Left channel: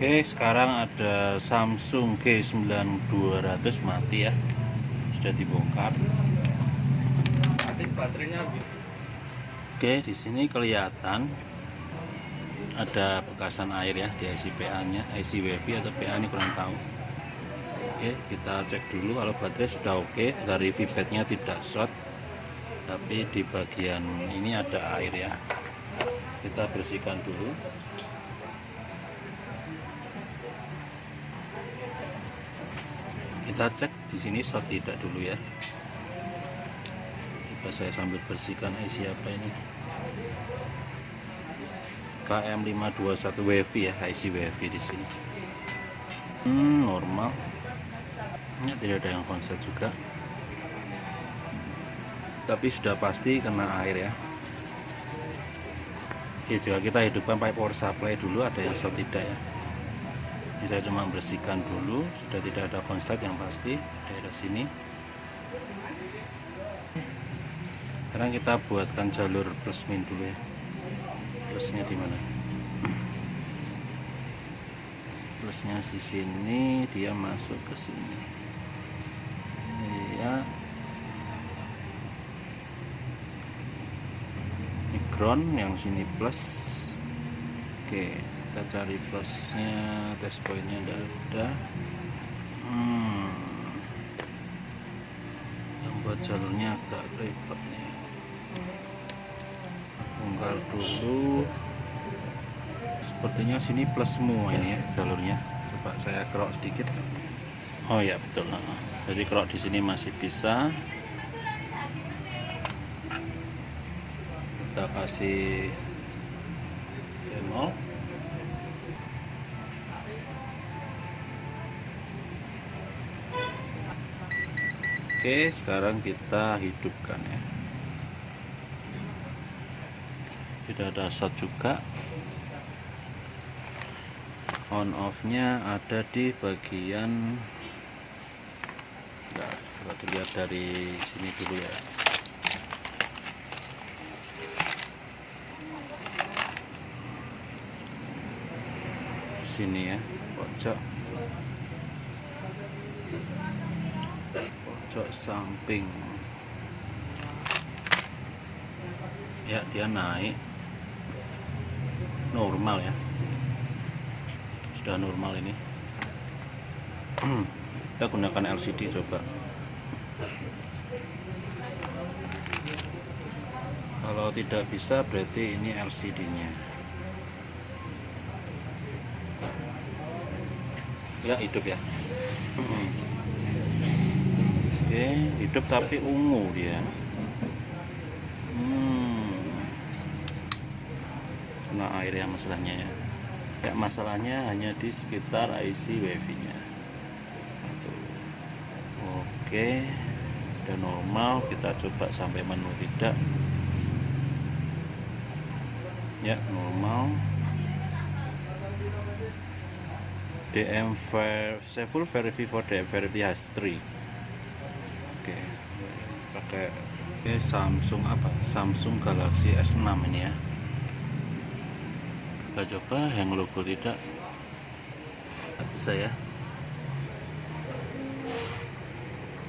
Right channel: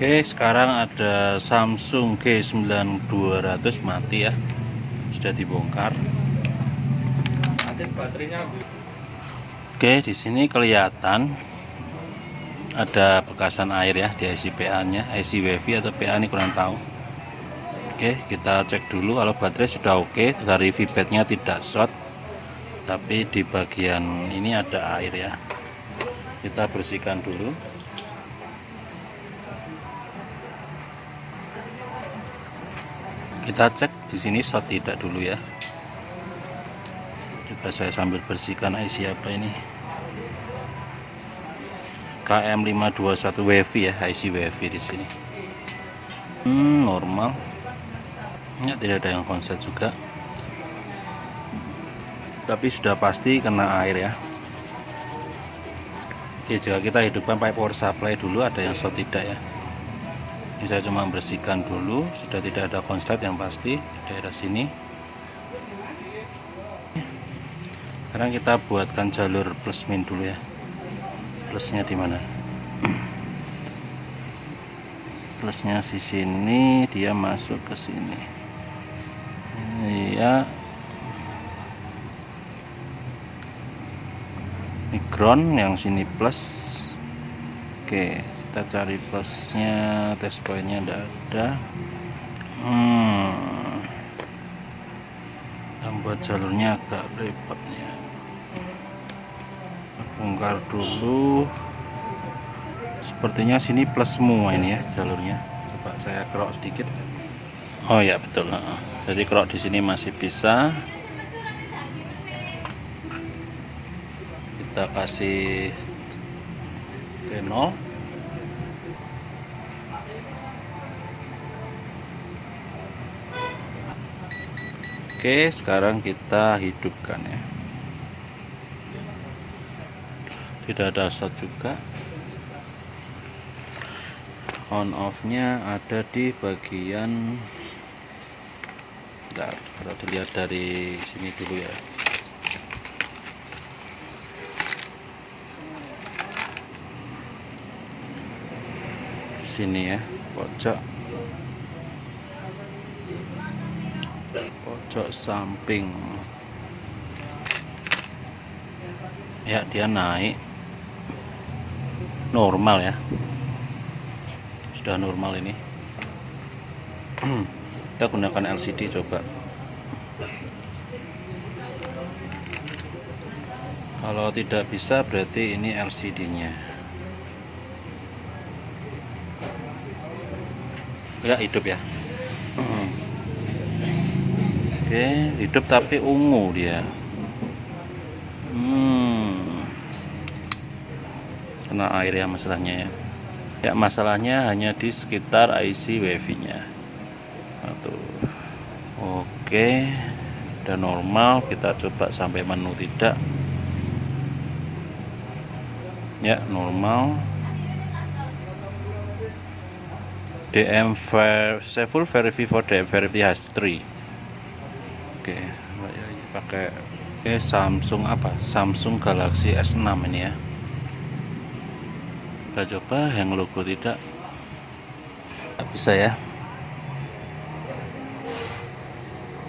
Oke, sekarang ada Samsung G9200 mati ya, sudah dibongkar. Oke, di sini kelihatan ada bekasan air ya di IC PA-nya, IC WiFi atau PA ini kurang tahu. Oke, kita cek dulu kalau baterai sudah oke, dari VBAT-nya tidak short, tapi di bagian ini ada air ya. Kita bersihkan dulu. Kita cek di sini short tidak dulu ya. Coba saya sambil bersihkan IC apa ini. KM521 WiFi ya, IC WiFi di sini. Normal. Ya, tidak ada yang konslet juga. Tapi sudah pasti kena air ya. Oke, jika kita hidupkan pipe power supply dulu, ada yang short tidak ya. Ini saya cuma bersihkan dulu, sudah tidak ada konslet yang pasti daerah sini. Sekarang kita buatkan jalur plus min dulu ya. Plusnya di mana? Plusnya di sini, dia masuk ke sini. Ini ya. Ini ground, yang sini plus. Oke, kita cari plusnya, test pointnya tidak ada. Buat jalurnya agak repot ya. Bongkar dulu. Sepertinya sini plus semua ini ya jalurnya. Coba saya kerok sedikit. Oh ya betul. Jadi kerok di sini masih bisa. Kita kasih T0. Oke, sekarang kita hidupkan ya. Tidak ada short juga. On off-nya ada di bagian, kita dilihat dari sini dulu ya. Di sini ya, pojok samping ya, dia naik normal ya, sudah normal ini. Kita gunakan LCD coba. Kalau tidak bisa berarti ini LCD nya ya, hidup ya. Oke, hidup tapi ungu dia. Kena air ya masalahnya ya. Ya, masalahnya hanya di sekitar IC WiFi nya. Oke, udah normal. Kita coba sampai menu tidak. Ya, normal. DM full verify for DM verify has 3. Oke, pakai Samsung apa? Samsung Galaxy S6 ini ya. Kita coba yang logo tidak bisa ya.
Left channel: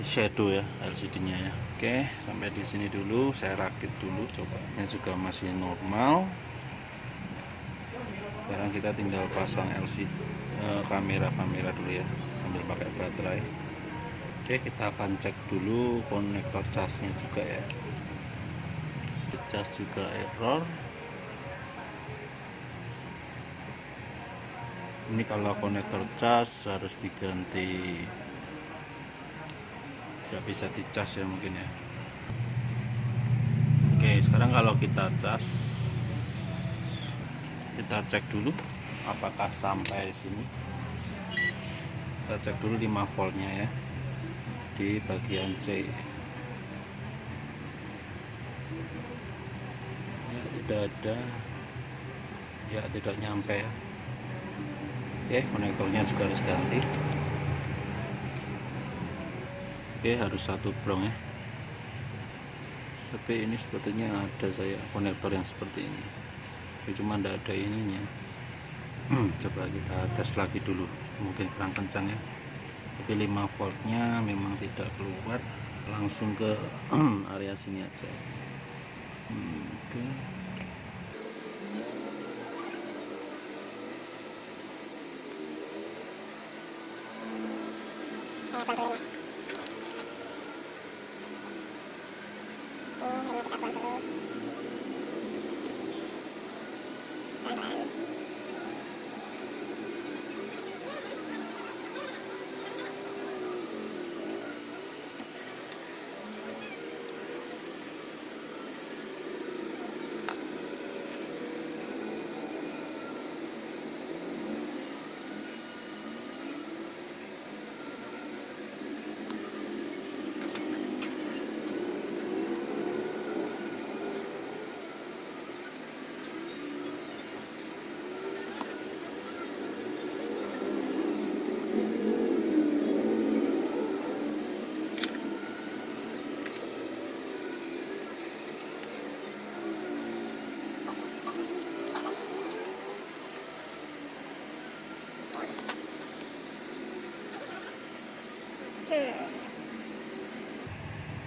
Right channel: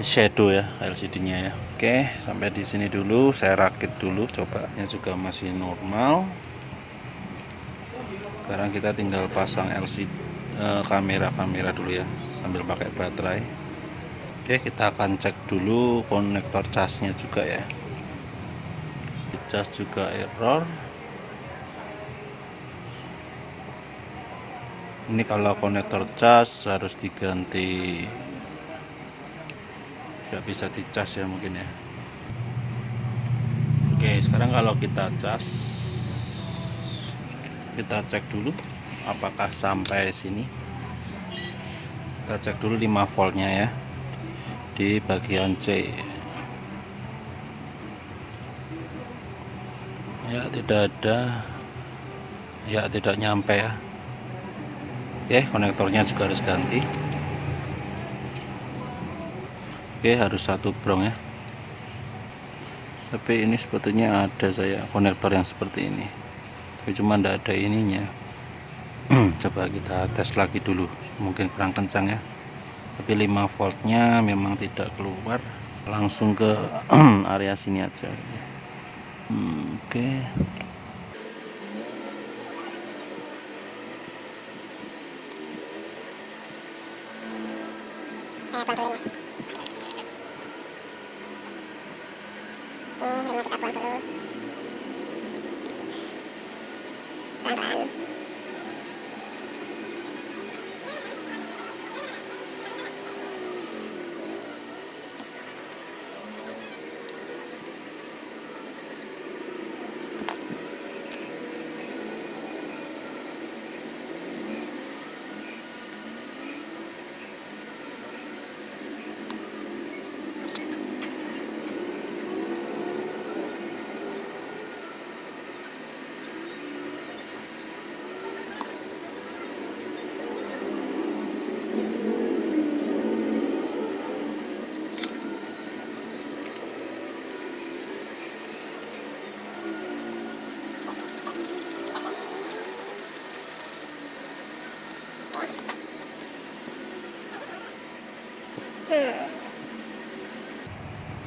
Shadow ya LCD-nya ya. Oke, sampai di sini dulu. Saya rakit dulu, cobanya juga masih normal. Sekarang kita tinggal pasang LCD kamera dulu ya, sambil pakai baterai. Oke, kita akan cek dulu konektor casnya juga ya. Cas juga error. Ini kalau konektor cas harus diganti, nggak bisa dicas ya mungkin ya. Oke, sekarang kalau kita cas, kita cek dulu apakah sampai sini. Kita cek dulu 5 voltnya ya di bagian C. Ya, tidak ada ya, tidak nyampe ya. Oke, konektornya juga harus ganti. Oke, harus satu brong ya. Tapi ini sebetulnya ada saya konektor yang seperti ini, tapi cuma tidak ada ininya. Coba kita tes lagi dulu, mungkin kurang kencang ya, tapi 5 voltnya memang tidak keluar, langsung ke area sini aja. Oke. Saya buang dulu ya. Memang kita buang dulu. Pelan-pelan.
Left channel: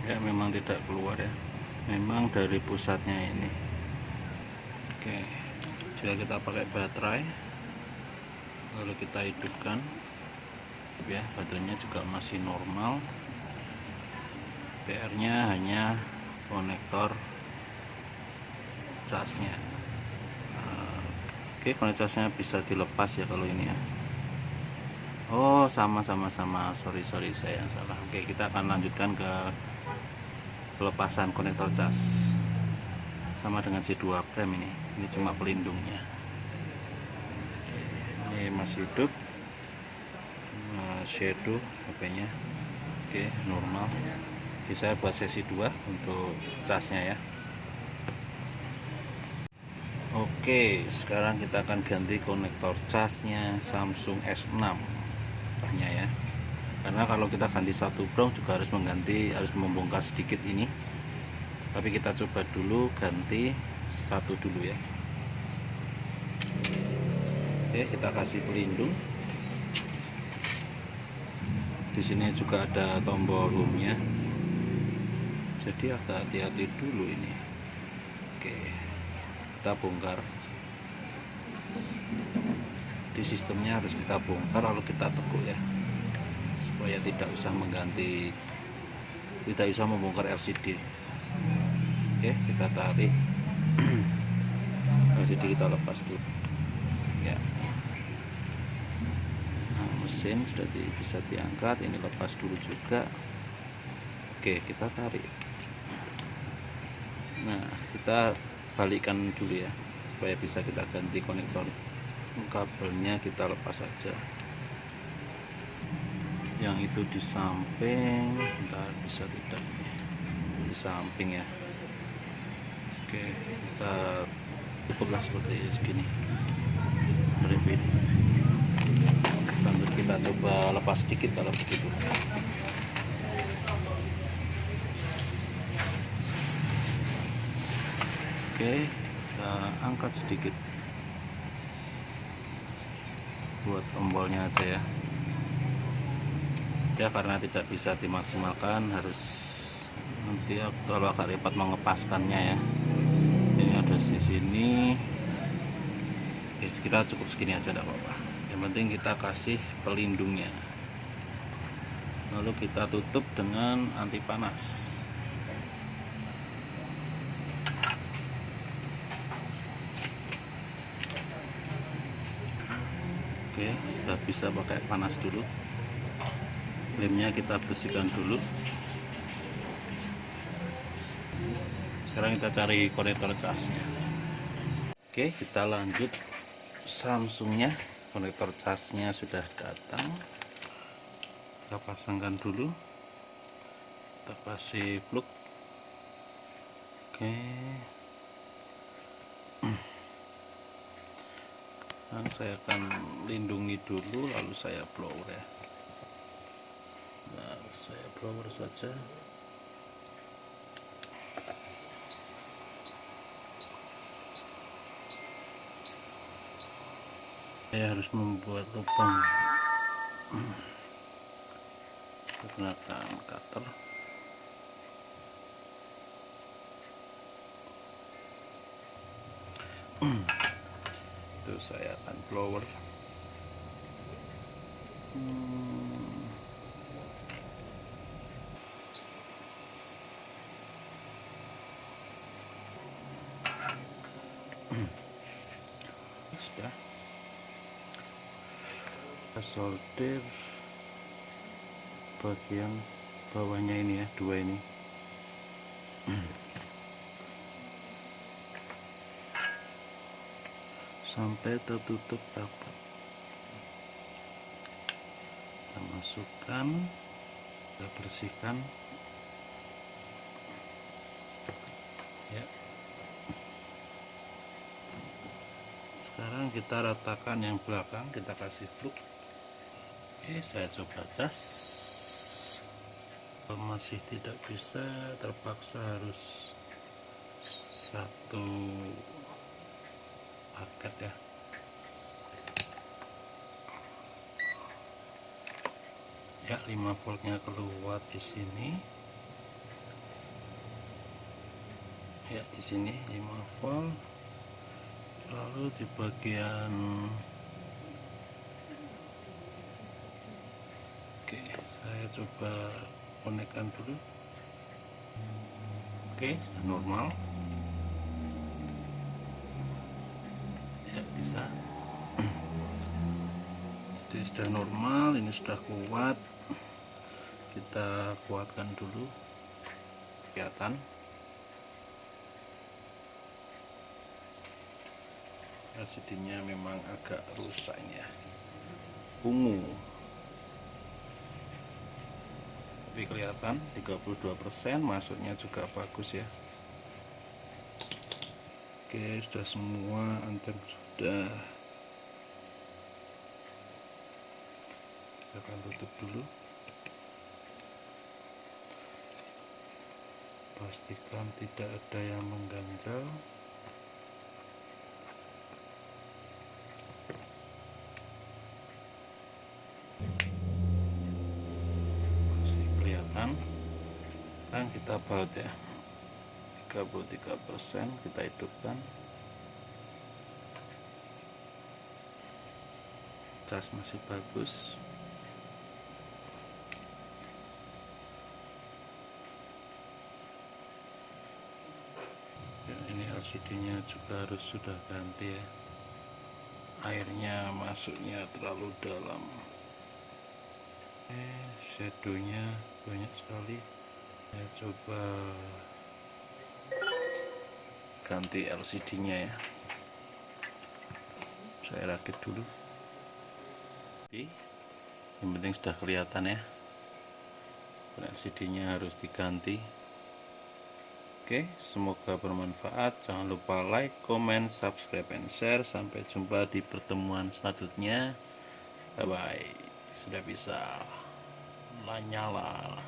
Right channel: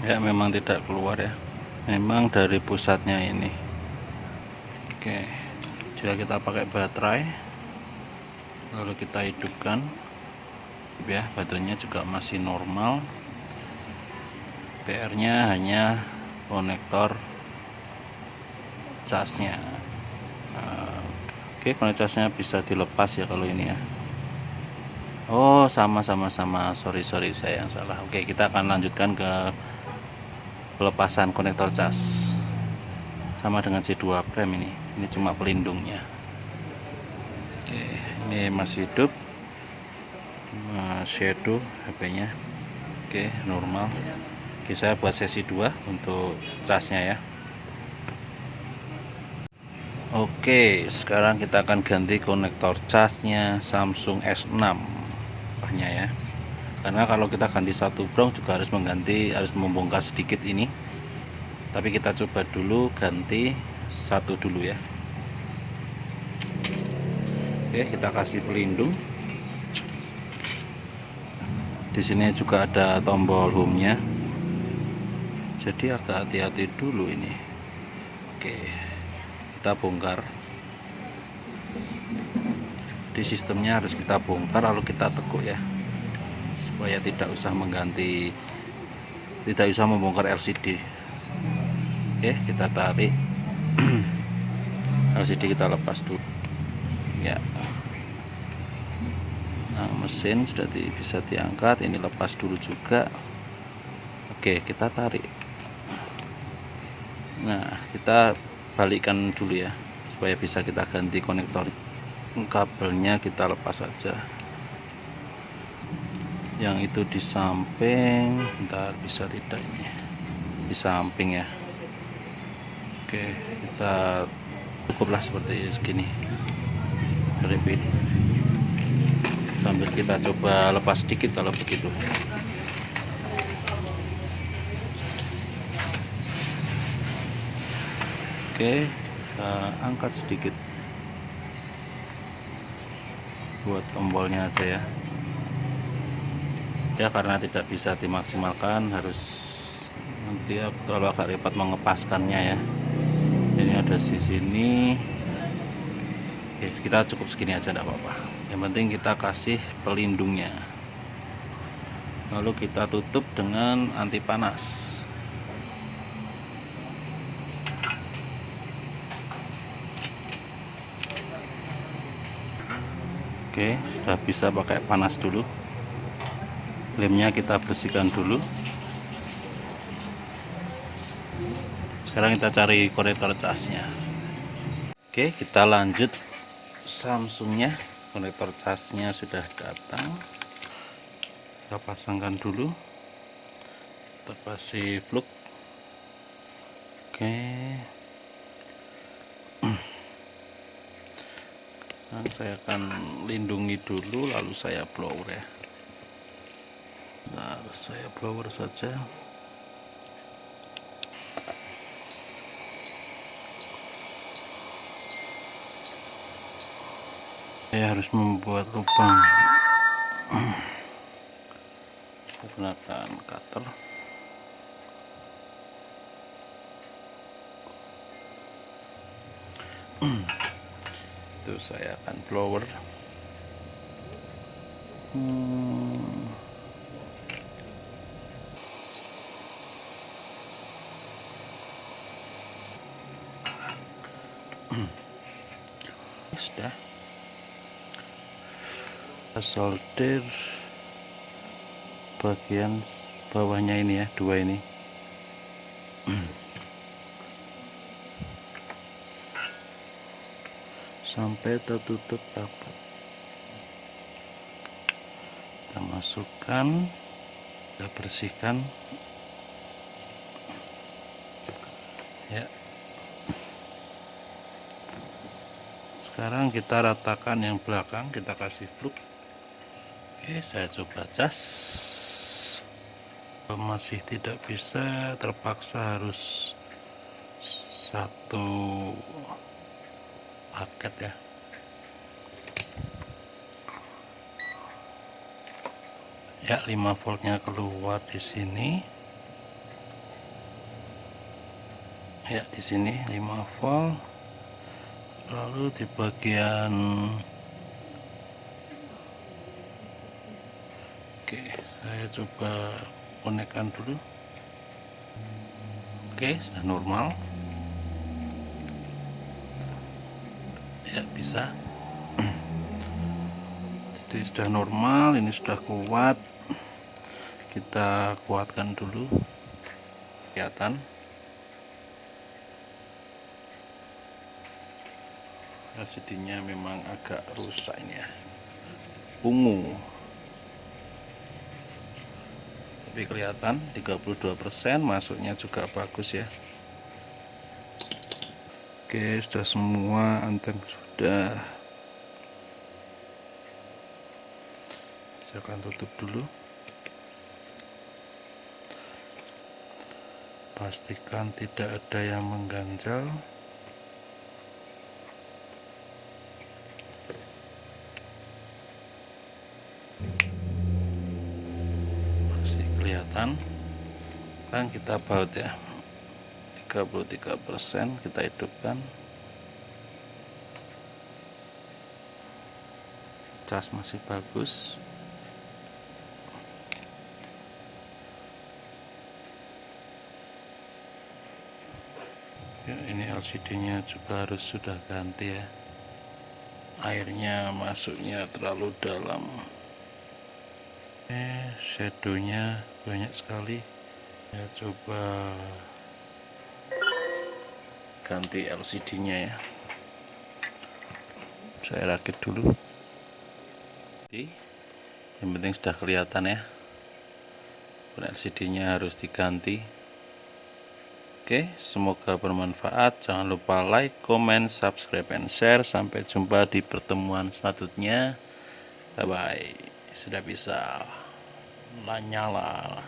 Ya, memang tidak keluar ya, memang dari pusatnya ini. Oke, jika kita pakai baterai lalu kita hidupkan ya, baterainya juga masih normal. PR nya hanya konektor casnya. Oke, konektor casnya bisa dilepas ya kalau ini ya. Oh, sama sorry saya yang salah. Oke, kita akan lanjutkan ke pelepasan konektor cas, sama dengan C2 prime. Ini cuma pelindungnya. Oke, ini masih hidup, shadow HP-nya. Oke, normal. Oke, saya buat sesi 2 untuk casnya ya. Oke, sekarang kita akan ganti konektor casnya Samsung S6 ya, karena kalau kita ganti satu brong juga harus membongkar sedikit ini, tapi kita coba dulu ganti satu dulu ya. Oke, kita kasih pelindung. Di sini juga ada tombol home-nya, jadi agak hati-hati dulu ini. Oke, kita bongkar. Di sistemnya harus kita bongkar lalu kita tekuk ya, supaya tidak usah membongkar LCD. Oke, kita tarik. LCD kita lepas dulu ya. Nah, mesin sudah bisa diangkat, ini lepas dulu juga. Oke, kita tarik. Nah, kita balikkan dulu ya, supaya bisa kita ganti konektor. Kabelnya kita lepas saja, yang itu di samping, bentar, bisa tidak ini di samping ya. Oke, kita cukuplah seperti segini. Repeat, sambil kita coba lepas sedikit kalau begitu. Oke, kita angkat sedikit buat tombolnya aja ya, karena tidak bisa dimaksimalkan, harus nanti kalau agak repot mengepaskannya ya. Ini ada di sini. Oke, kita cukup segini aja, enggak apa-apa, yang penting kita kasih pelindungnya, lalu kita tutup dengan anti panas. Oke, sudah bisa pakai panas dulu. Lemnya kita bersihkan dulu. Sekarang kita cari konektor casnya. Oke, kita lanjut Samsungnya. Konektor casnya sudah datang, kita pasangkan dulu. Kita kasih plug. Oke, nah, saya akan lindungi dulu, lalu saya blower ya. Nah, saya blower saja. saya harus membuat lubang menggunakan cutter. Itu saya akan blower. Sudah solder bagian bawahnya ini ya, dua ini. Sampai tertutup rapat. Kita masukkan, kita bersihkan ya. Sekarang kita ratakan yang belakang, kita kasih plug. Oke, saya coba cas. Kalau masih tidak bisa, terpaksa harus satu paket ya. Ya, 5 voltnya keluar di sini. Ya, di sini 5 volt. Lalu di bagian oke, saya coba konekkan dulu. Oke, sudah normal. Ya, bisa. Jadi sudah normal, ini sudah kuat. Kita kuatkan dulu. Kelihatan. LCD-nya memang agak rusak ini ya, ungu, tapi kelihatan 32%, masuknya juga bagus ya. Oke, sudah semua, anteng sudah. Saya akan tutup dulu. Pastikan tidak ada yang mengganjal. Kelihatan. Sekarang kita baut ya, 33%, kita hidupkan. Cas masih bagus. Ya, ini LCD-nya juga harus sudah ganti ya, airnya masuknya terlalu dalam. Shadownya banyak sekali. Saya coba ganti LCD-nya ya. Saya rakit dulu. Oke, yang penting sudah kelihatan ya, LCD-nya harus diganti. Oke, semoga bermanfaat. Jangan lupa like, comment, subscribe, and share. Sampai jumpa di pertemuan selanjutnya. Bye bye. Sudah bisa nyala.